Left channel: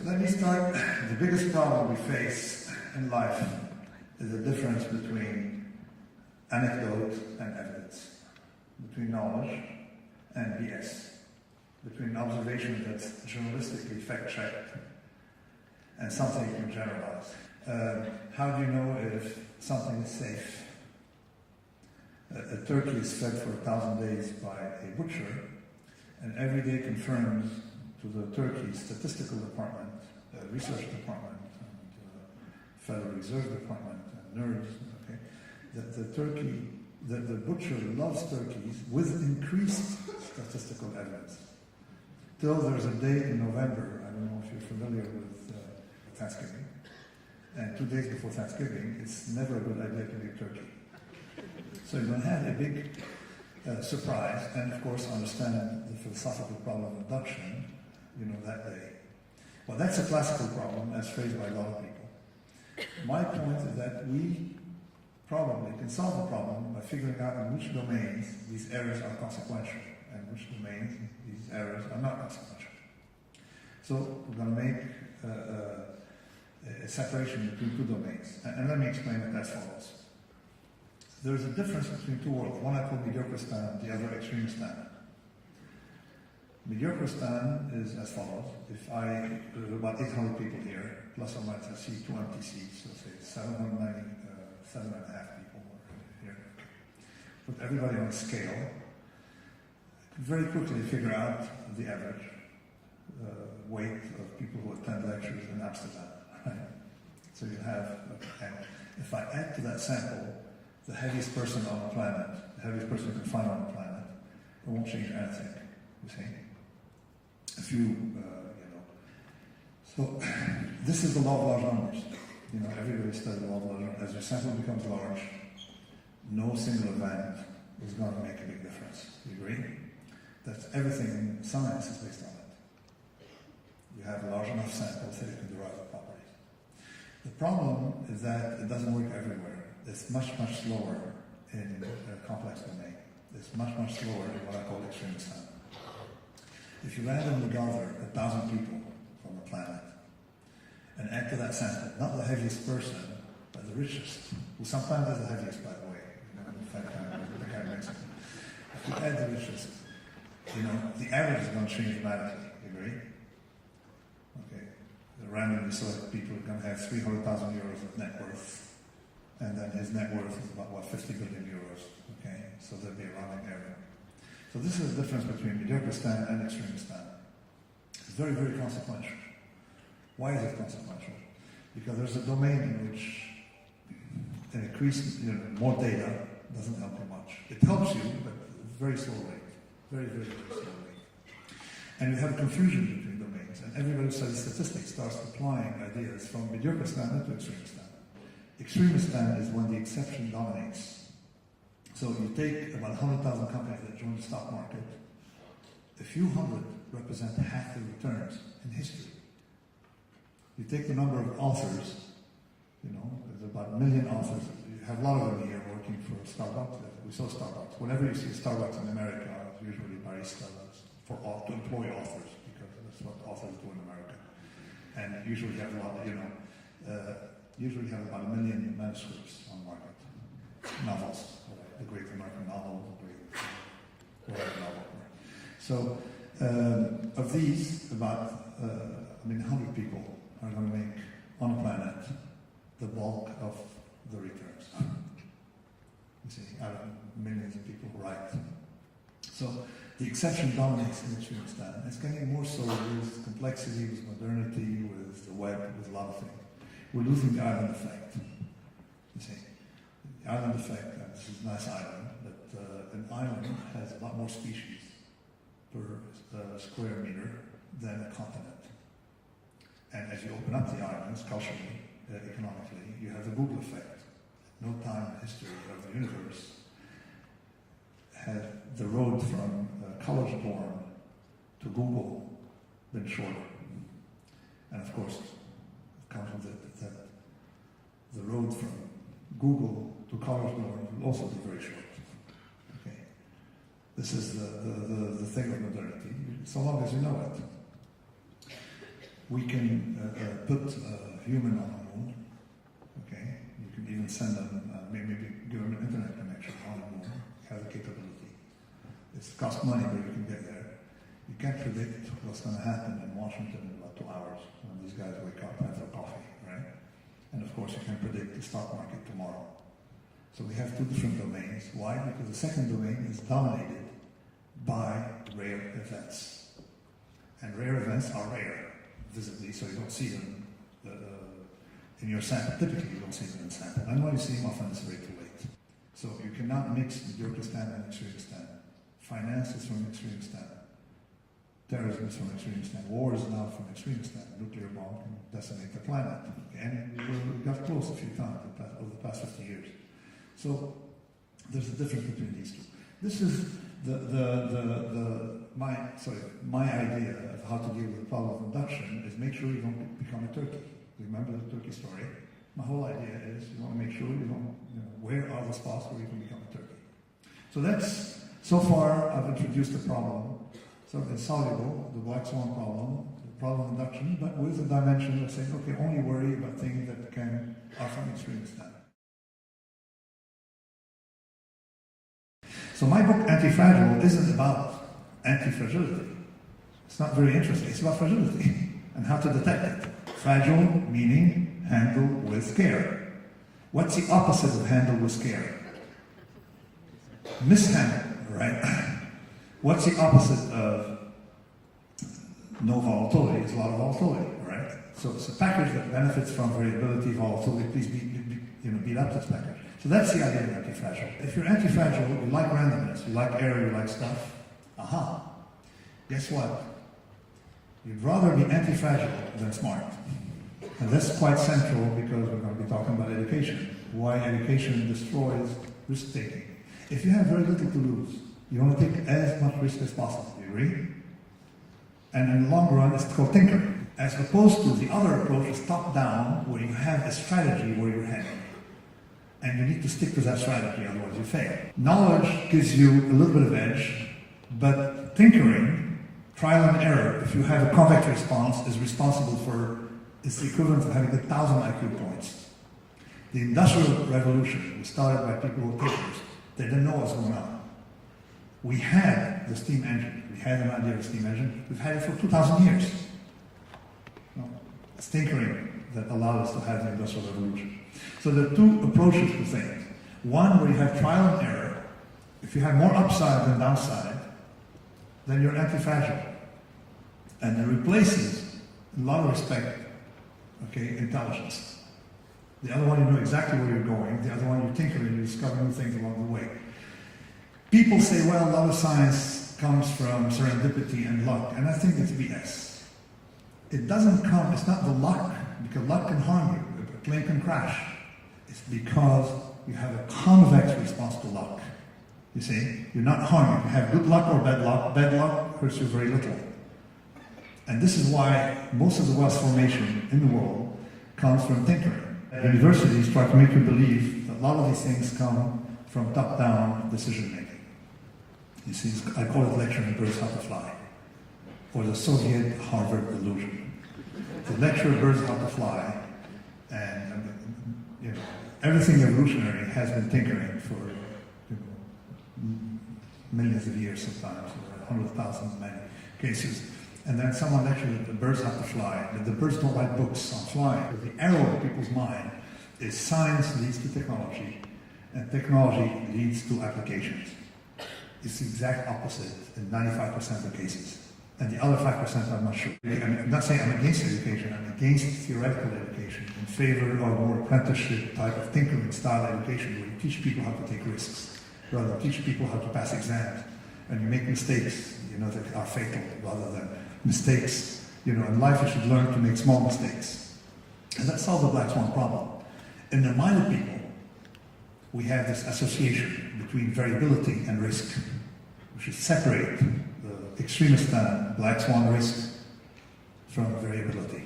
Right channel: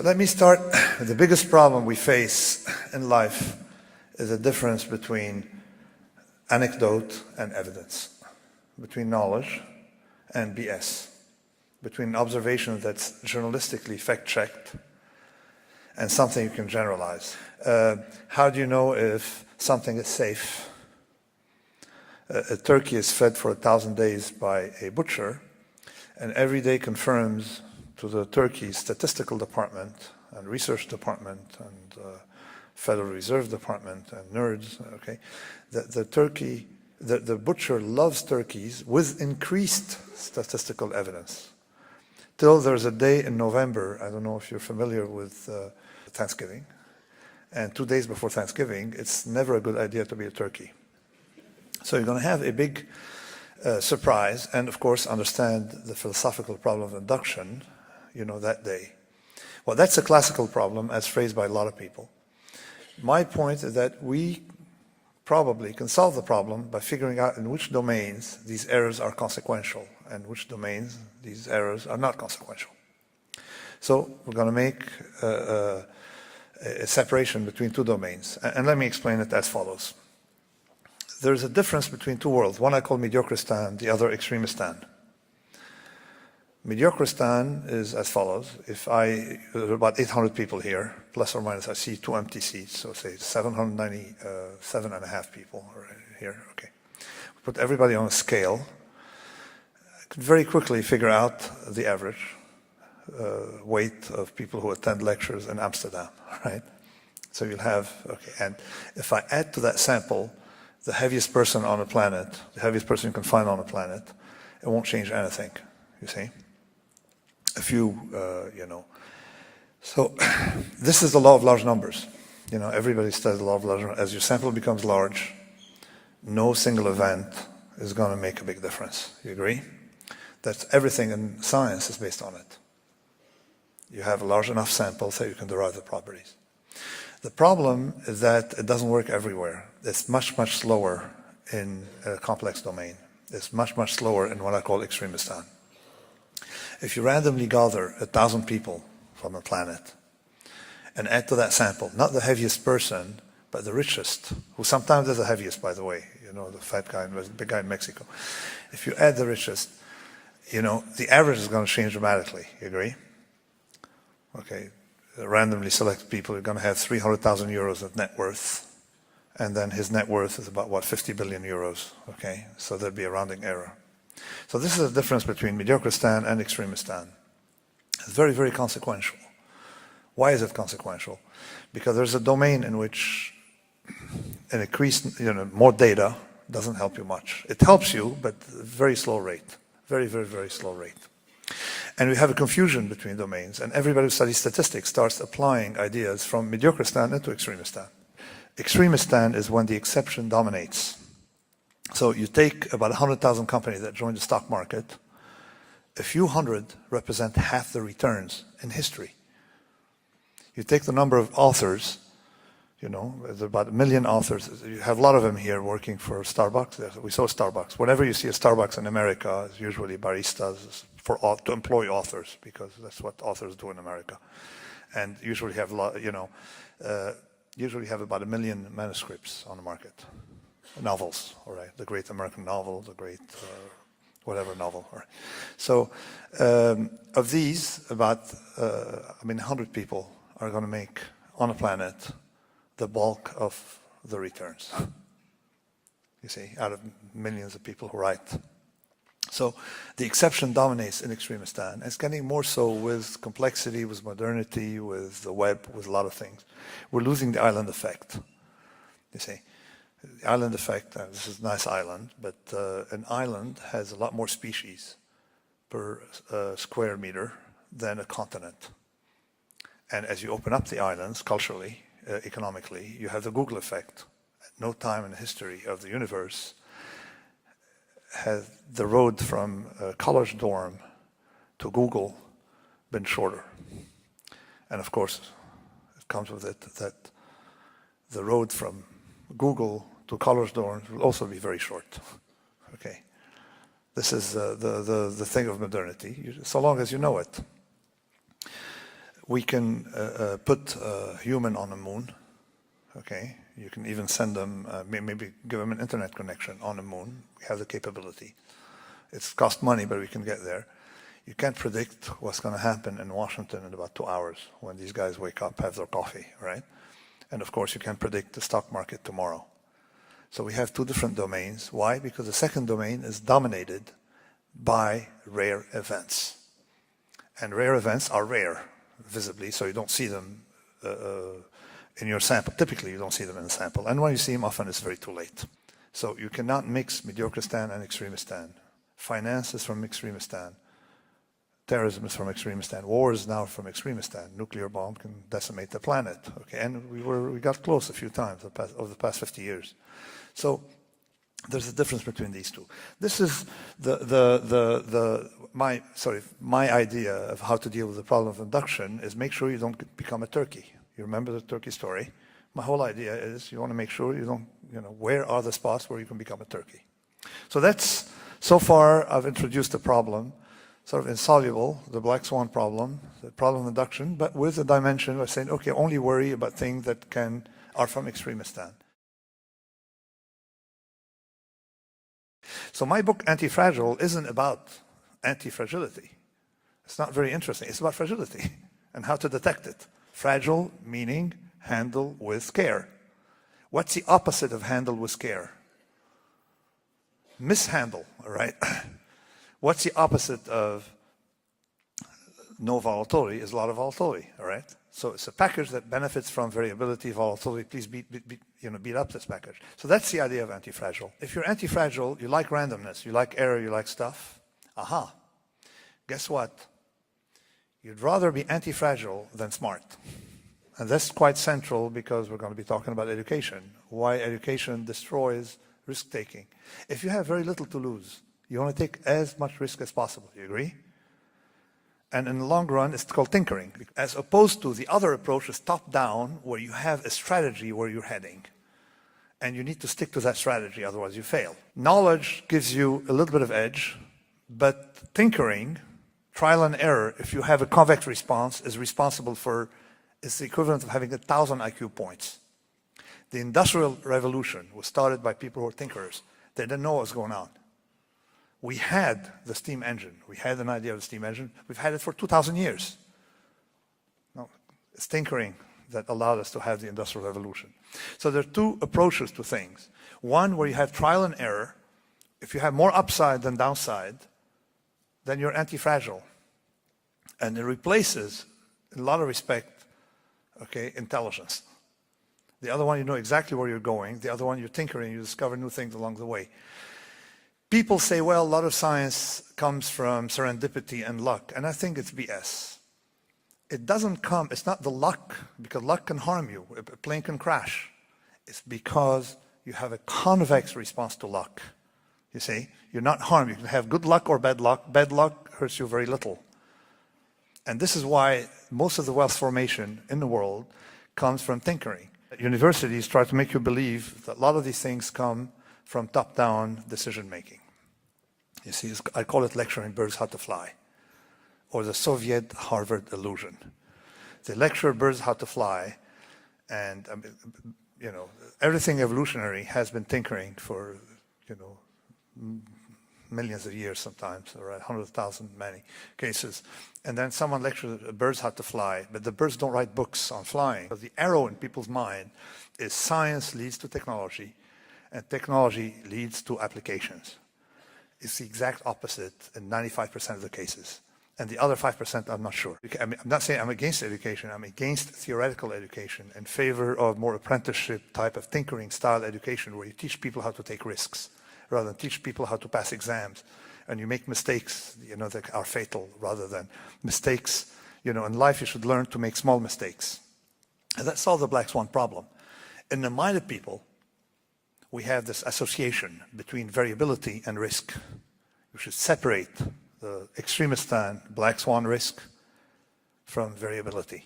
So let me start. The biggest problem we face in life is the difference between anecdote and evidence, between knowledge and BS, between observation that's journalistically fact-checked and something you can generalize. How do you know if something is safe? A turkey is fed for 1,000 days by a butcher, and every day confirms to the turkey statistical department and research department and Federal Reserve Department and nerds, okay, that the butcher loves turkeys with increased statistical evidence. Till there's a day in November, I don't know if you're familiar with Thanksgiving, and 2 days before Thanksgiving, it's never a good idea to be a turkey. So you're going to have a big surprise, and of course understand the philosophical problem of induction, that day. Well, that's a classical problem as phrased by a lot of people. My point is that we probably can solve the problem by figuring out in which domains these errors are consequential and which domains these errors are not consequential. So we're going to make a separation between two domains, and let me explain it as follows. There's a difference between two worlds. One I call Mediocristan, the other Extremistan. Mediocristan is as follows. There are about 800 people here, plus or minus, I see 2 empty seats, so say 797 and a half people are here, okay. Put everybody on a scale. I could very quickly figure out the average weight of people who attend lectures in Amsterdam, right? So you'll have, okay, and if I add to that sample the heaviest person on the planet, the heaviest person you can find on the planet, it won't change anything, you see? A few, So this is the law of large numbers. Everybody studies the law of large numbers. As your sample becomes large, no single event is going to make a big difference. You agree? That's everything in science is based on it. You have a large enough sample so you can derive the properties. The problem is that it doesn't work everywhere. It's much, much slower in a complex domain. It's much, much slower in what I call Extremistan. If you randomly gather 1,000 people from the planet and add to that sample, not the heaviest person, but the richest, who sometimes is the heaviest, by the way, the fat guy, the big guy in Mexico. If you add the richest, the average is going to change dramatically. You agree? Okay. Randomly select people are going to have 300,000 euros of net worth, and then his net worth is about, 50 billion euros, okay? So there'd be a rounding error. So this is the difference between Mediocristan and Extremistan. It's very, very consequential. Why is it consequential? Because there's a domain in which an increased, more data doesn't help you much. It helps you, but very slow rate. Very, very, very slow rate. And we have a confusion between domains, and everybody who studies statistics starts applying ideas from Mediocristan into Extremistan. Extremistan is when the exception dominates. So you take about 100,000 companies that join the stock market, a few hundred represent half the returns in history. You take the number of authors, there's about 1 million authors. You have a lot of them here working for Starbucks. We saw Starbucks. Whenever you see a Starbucks in America, it's usually baristas to employ authors, because that's what authors do in America. And usually have a lot, usually have about 1 million manuscripts on the market. Novels, all right, the great American novel, the great whatever novel. All right. So of these, about 100 people are going to make on the planet the bulk of the returns. You see, out of millions of people who write. So the exception dominates in Extremistan. It's getting more so with complexity, with modernity, with the web, with a lot of things. We're losing the island effect, you see. The island effect, and this is a nice island, but an island has a lot more species per square meter than a continent. And as you open up the islands culturally, economically, you have the Google effect. At no time in the history of the universe has the road from a college dorm to Google been shorter. And of course, it comes with it that the road from Google to college dorms will also be very short. Okay, this is the thing of modernity, so long as you know it. We can put a human on the moon, okay? You can even send them, maybe give them an internet connection on the moon. We have the capability. It's cost money, but we can get there. You can't predict what's going to happen in Washington in about 2 hours when these guys wake up, have their coffee, right? And of course, you can't predict the stock market tomorrow. So we have two different domains. Why? Because the second domain is dominated by rare events. And rare events are rare, visibly, so you don't see them in your sample. Typically, you don't see them in the sample. And when you see them, often it's very too late. So you cannot mix mediocristan and extremistan. Finance is from extremistan. Terrorism is from extremistan. War is now from extremistan. Nuclear bomb can decimate the planet. Okay, and we got close a few times over the past 50 years. So there's a difference between these two. This is my idea of how to deal with the problem of induction is make sure you don't become a turkey. You remember the turkey story? My whole idea is you want to make sure you don't, where are the spots where you can become a turkey? So that's, so far I've introduced the problem, sort of insoluble, the Black Swan problem, the problem of induction, but with a dimension of saying, okay, only worry about things that are from extremistan. So my book, Antifragile, isn't about anti-fragility. It's not very interesting. It's about fragility and how to detect it. Fragile meaning handle with care. What's the opposite of handle with care? Mishandle, right? What's the opposite of no volatility? Is a lot of volatility, right? So it's a package that benefits from variability, volatility. Please beat up this package. So that's the idea of anti-fragile. If you're anti-fragile, you like randomness, you like error, you like stuff. Aha. Guess what? You'd rather be anti-fragile than smart. And that's quite central because we're going to be talking about education. Why education destroys risk-taking. If you have very little to lose, you want to take as much risk as possible. Do you agree? And in the long run, it's called tinkering. As opposed to the other approach is top-down, where you have a strategy where you're heading. And you need to stick to that strategy, otherwise you fail. Knowledge gives you a little bit of edge, but tinkering, trial and error, if you have a convex response, is responsible for, it's the equivalent of having 1,000 IQ points. The Industrial Revolution was started by people who were thinkers. They didn't know what was going on. We had the steam engine. We had an idea of a steam engine. We've had it for 2,000 years. No, it's tinkering that allowed us to have the Industrial Revolution. So there are two approaches to things. One where you have trial and error. If you have more upside than downside, then you're anti-fragile. And it replaces, in a lot of respect, okay, intelligence. The other one, you know exactly where you're going. The other one, you're tinkering, you discover new things along the way. People say, well, a lot of science comes from serendipity and luck, and I think it's BS. It doesn't come, it's not the luck, because luck can harm you, a plane can crash. It's because you have a convex response to luck. You see, you're not harmed. You can have good luck or bad luck. Bad luck hurts you very little. And this is why most of the wealth formation in the world comes from tinkering. Universities try to make you believe that a lot of these things come from top-down decision-making. You see, I call it lecturing birds how to fly, or the Soviet Harvard illusion. The lecture birds how to fly, and everything evolutionary has been tinkering for millions of years sometimes, or 100,000 in many cases. And then someone lectured the birds how to fly, but the birds don't write books on flying. But the arrow in people's mind is science leads to technology, and technology leads to applications. It's the exact opposite in 95% of the cases. And the other 5%, I'm not sure. I'm not saying I'm against education, I'm against theoretical education in favor of more apprenticeship type of tinkering style education where you teach people how to take risks rather than teach people how to pass exams. And you make mistakes, that are fatal rather than mistakes. In life you should learn to make small mistakes. And that solves the Black Swan problem. In the mind of people, we have this association between variability and risk. We should separate the extremistan, Black Swan risk from variability.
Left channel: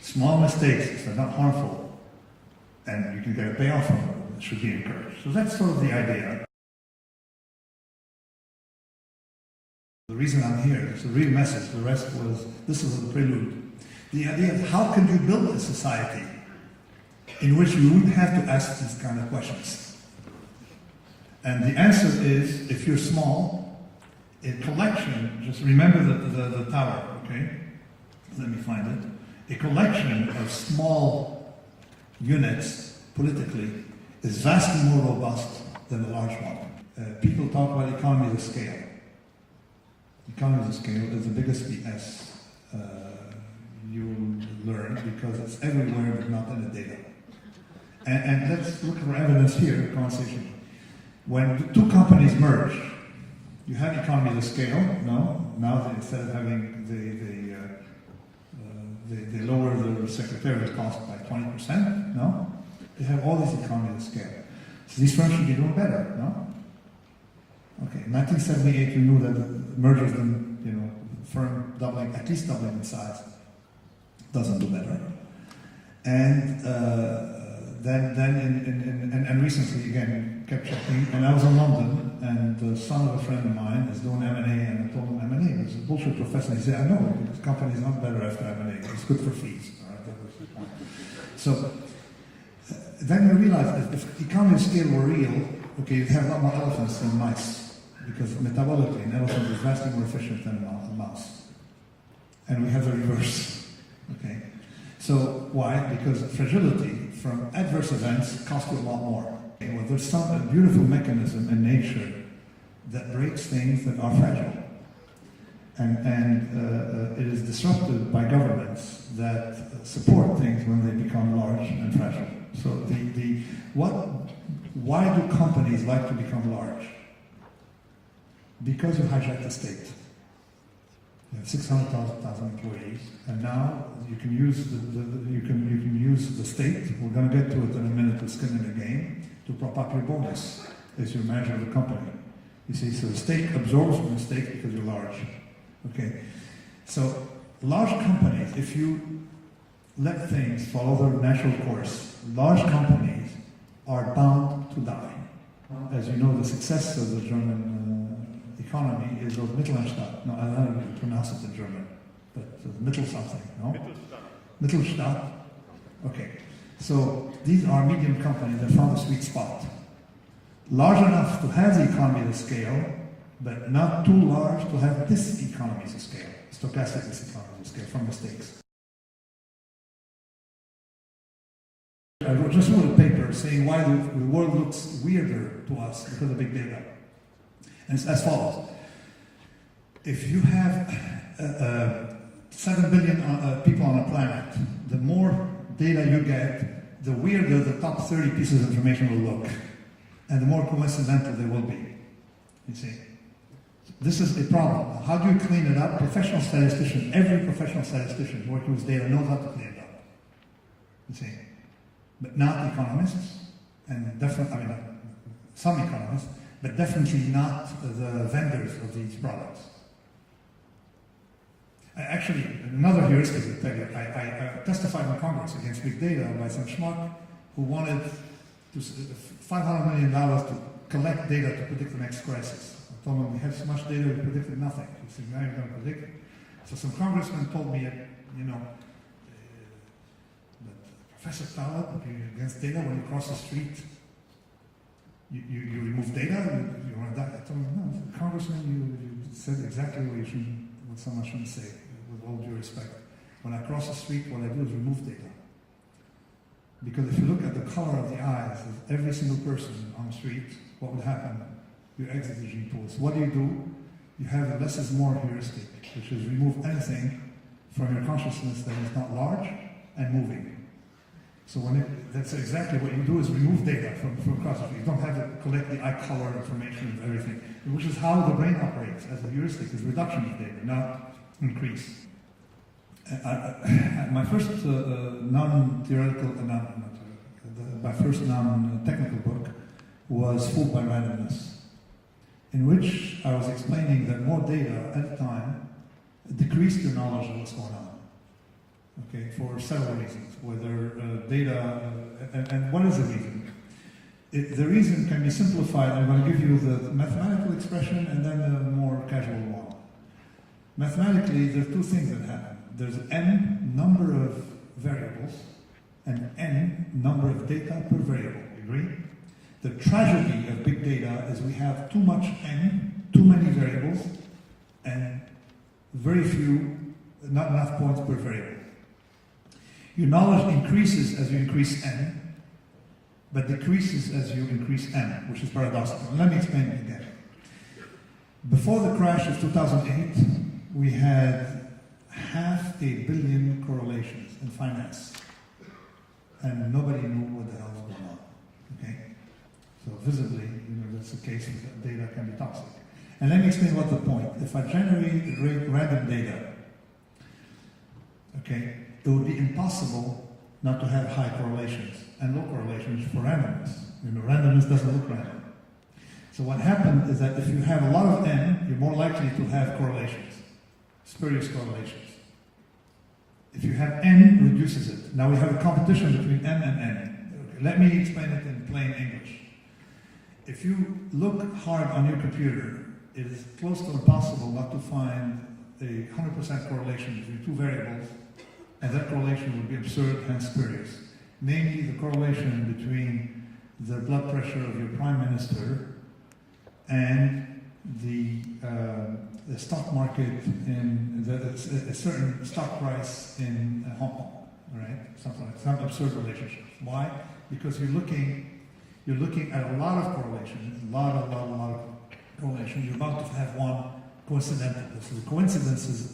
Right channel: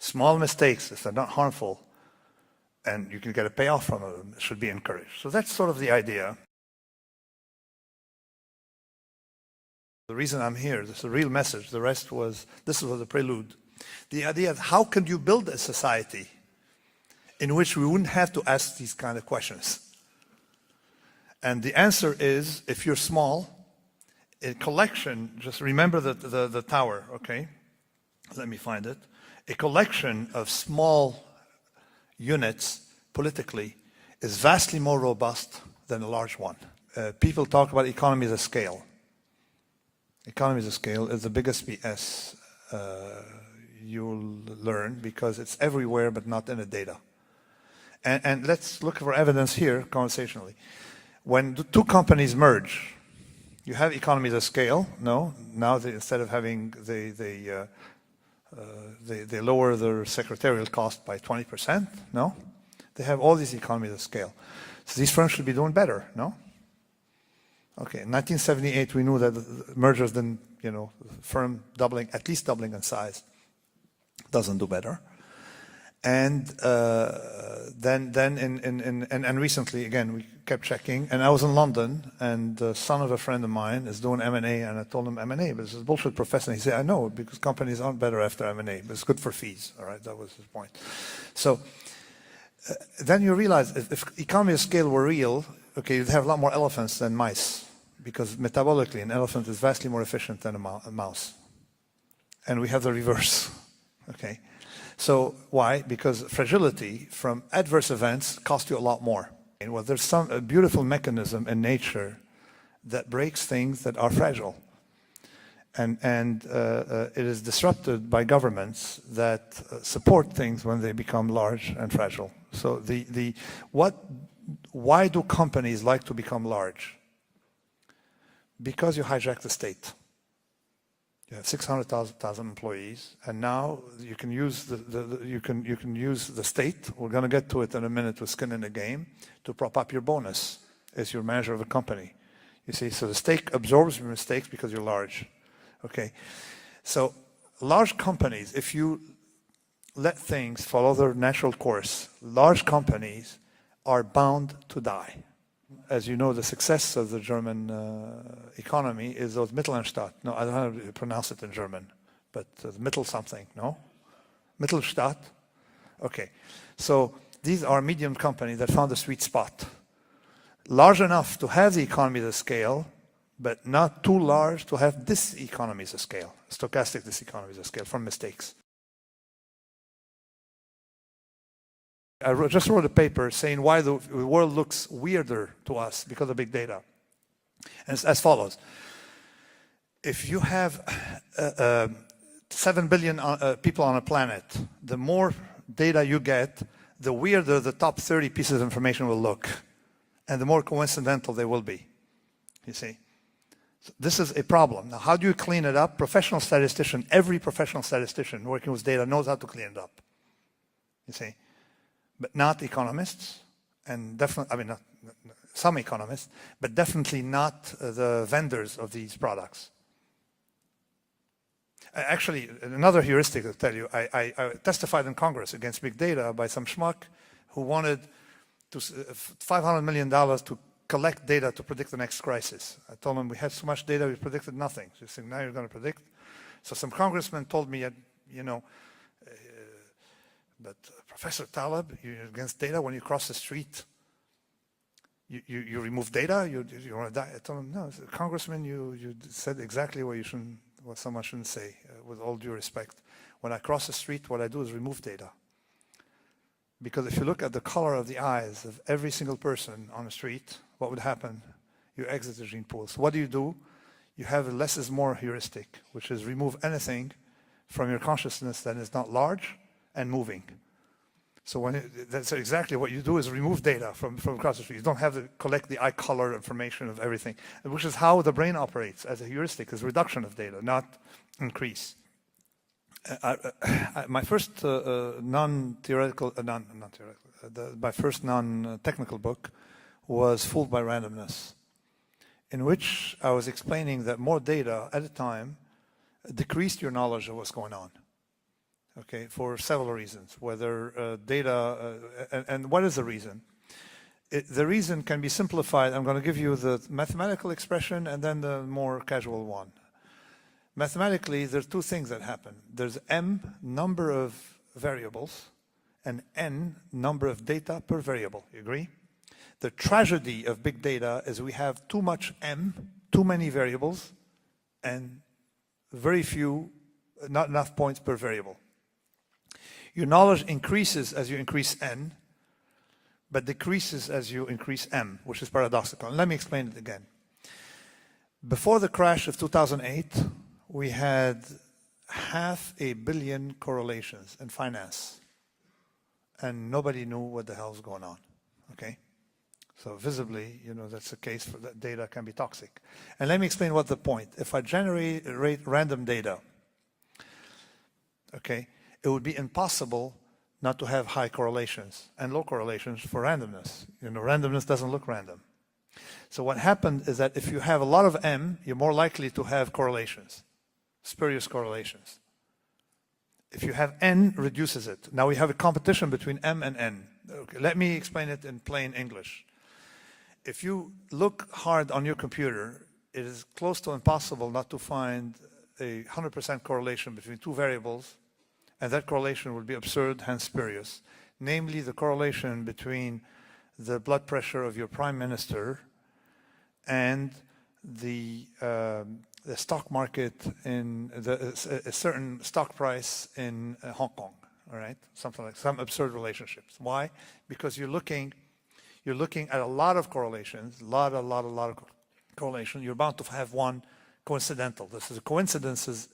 Small mistakes, if they're not harmful, and you can get a payoff from them, should be encouraged. So that's sort of the idea. The reason I'm here, this is the real message. The rest was, this was the prelude. The idea of how could you build a society in which we wouldn't have to ask these kind of questions? And the answer is, if you're small, a collection, just remember the tower, okay? Let me find it. A collection of small units, politically, is vastly more robust than a large one. People talk about economies of scale. Economies of scale is the biggest BS you'll learn because it's everywhere but not in the data. And let's look for evidence here conversationally. When two companies merge, you have economies of scale. No, now instead of having they lower their secretarial cost by 20%. No, they have all these economies of scale. So these firms should be doing better. No. Okay, in 1978 we knew that mergers didn't, firm doubling, at least doubling in size, doesn't do better. And then recently, again, we kept checking, and I was in London, and the son of a friend of mine is doing M&A, and I told him M&A, but this is a bullshit professor. And he said, I know, because companies aren't better after M&A. It's good for fees, all right? That was the point. So then you realize if economy of scale were real, okay, you'd have a lot more elephants than mice, because metabolically, an elephant is vastly more efficient than a mouse. And we have the reverse, okay? So why? Because fragility from adverse events costs you a lot more. Well, there's a beautiful mechanism in nature that breaks things that are fragile. And it is disrupted by governments that support things when they become large and fragile. So why do companies like to become large? Because you hijack the state. You have 600,000 employees, and now you can use you can use the state. We're going to get to it in a minute with skin in the game to prop up your bonus as your manager of a company. You see, so the state absorbs your mistakes because you're large. Okay, so large companies, if you let things follow their natural course, large companies are bound to die. As you know, the success of the German economy is those Mittelstand. No, I don't know how to pronounce it in German, but Mittel something, no? Mittelstand. Okay. So these are medium companies that found a sweet spot. Large enough to have the economies of scale, but not too large to have this economies of scale, stochastic diseconomies of scale from mistakes. I just wrote a paper saying why the world looks weirder to us because of big data. And it's as follows. If you have 7 billion people on a planet, the more data you get, the weirder the top 30 pieces of information will look, and the more coincidental they will be. You see? This is a problem. Now, how do you clean it up? Professional statistician, every professional statistician working with data knows how to clean it up. You see? But not economists, and definitely, some economists, but definitely not the vendors of these products. Actually, another heuristic to tell you, I testified in Congress against big data by some schmuck who wanted $500 million to collect data to predict the next crisis. I told him, we have so much data, we predicted nothing. He said, now you're going to predict it? So some congressman told me, but Professor Taleb, you're against data when you cross the street. You remove data, you want to die. I told him, no, Congressman, you said exactly what someone shouldn't say, with all due respect. When I cross the street, what I do is remove data. Because if you look at the color of the eyes of every single person on the street, what would happen? You exit the gene pool. So what do? You have a less is more heuristic, which is remove anything from your consciousness that is not large and moving. So that's exactly what you do is remove data from across the street. You don't have to collect the eye color information of everything, which is how the brain operates as a heuristic, is reduction of data, not increase. My first non-technical book was Fooled by Randomness, in which I was explaining that more data at a time decreased your knowledge of what's going on. Okay, for several reasons. Whether data, and what is the reason? The reason can be simplified. I'm going to give you the mathematical expression and then the more casual one. Mathematically, there are two things that happen. There's m, number of variables, and n, number of data per variable. You agree? The tragedy of big data is we have too much m, too many variables, and very few, not enough points per variable. Your knowledge increases as you increase n, but decreases as you increase m, which is paradoxical. Let me explain it again. Before the crash of 2008, we had 500 million correlations in finance, and nobody knew what the hell was going on, okay? So visibly, that's the case for that data can be toxic. And let me explain what the point. If I generate random data, okay, it would be impossible not to have high correlations and low correlations for randomness. Randomness doesn't look random. So what happened is that if you have a lot of m, you're more likely to have correlations, spurious correlations. If you have n, reduces it. Now we have a competition between m and n. Okay, let me explain it in plain English. If you look hard on your computer, it is close to impossible not to find a 100% correlation between two variables, and that correlation would be absurd, hence spurious. Namely, the correlation between the blood pressure of your prime minister and the stock market in a certain stock price in Hong Kong, all right? Something like some absurd relationships. Why? Because you're looking at a lot of correlations, a lot of correlation. You're about to have one coincidental. This is coincidences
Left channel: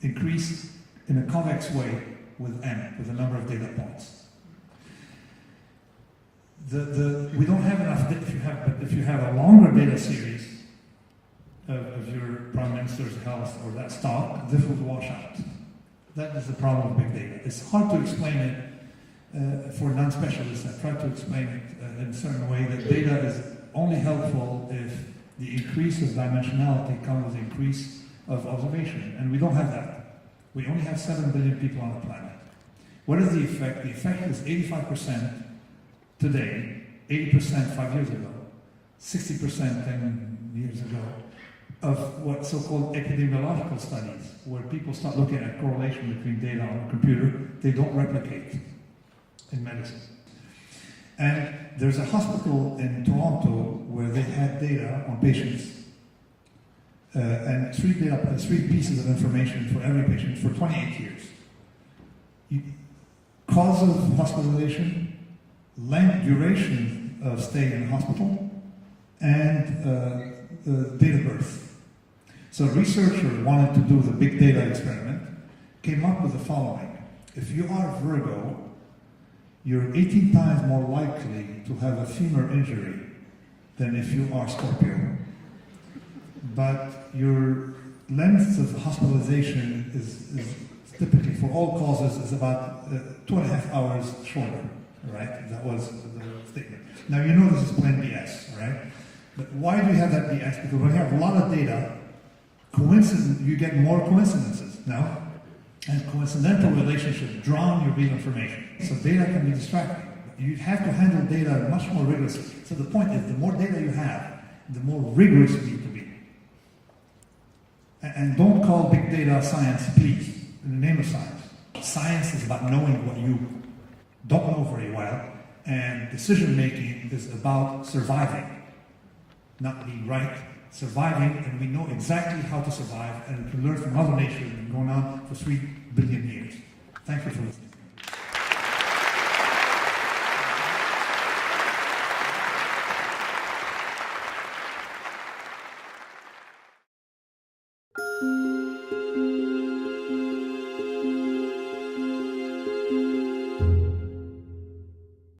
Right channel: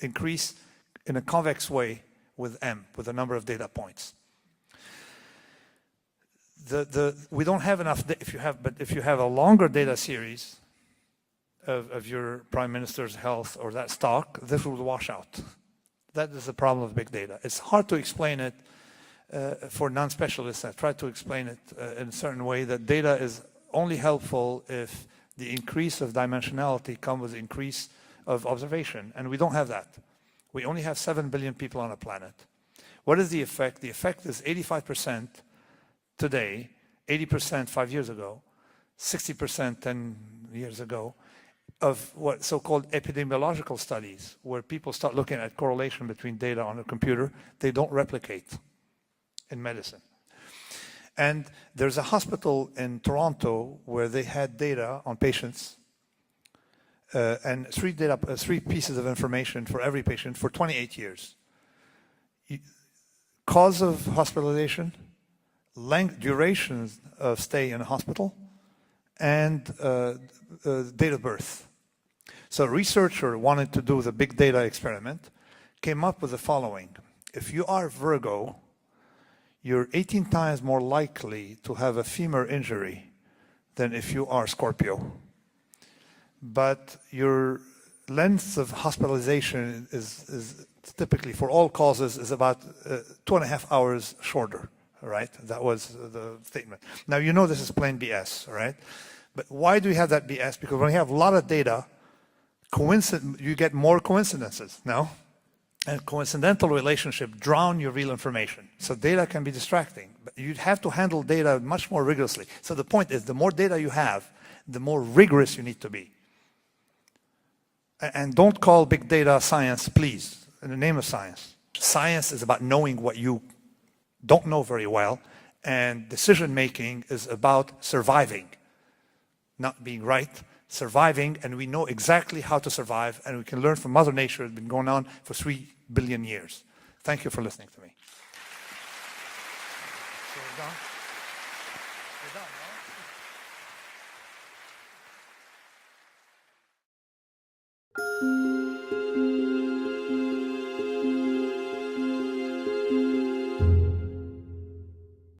increase in a convex way with m, with the number of data points. We don't have enough. But if you have a longer data series of your prime minister's health or that stock, this will wash out. That is the problem of big data. It's hard to explain it for non-specialists. I try to explain it in a certain way that data is only helpful if the increase of dimensionality comes with the increase of observation, and we don't have that. We only have 7 billion people on the planet. What is the effect? The effect is 85% today, 80% 5 years ago, 60% 10 years ago, of what so-called epidemiological studies, where people start looking at correlation between data on a computer. They don't replicate in medicine. And there's a hospital in Toronto where they had data on patients and three pieces of information for every patient for 28 years. Cause of hospitalization, length, duration of stay in a hospital, and date of birth. So a researcher wanted to do the big data experiment, came up with the following. If you are Virgo, you're 18 times more likely to have a femur injury than if you are Scorpio. But your length of hospitalization is typically, for all causes, is about 2.5 hours shorter, right? That was the statement. Now, this is plain BS, right? But why do we have that BS? Because when you have a lot of data, you get more coincidences now, and coincidental relationships drown your real information. So data can be distracting, but you have to handle data much more rigorously. So the point is, the more data you have, the more rigorous you need to be. And don't call big data science, please, in the name of science. Science is about knowing what you don't know very well, and decision-making is about surviving, not being right, surviving, and we know exactly how to survive, and we can learn from Mother Nature. It's been going on for 3 billion years. Thank you for listening.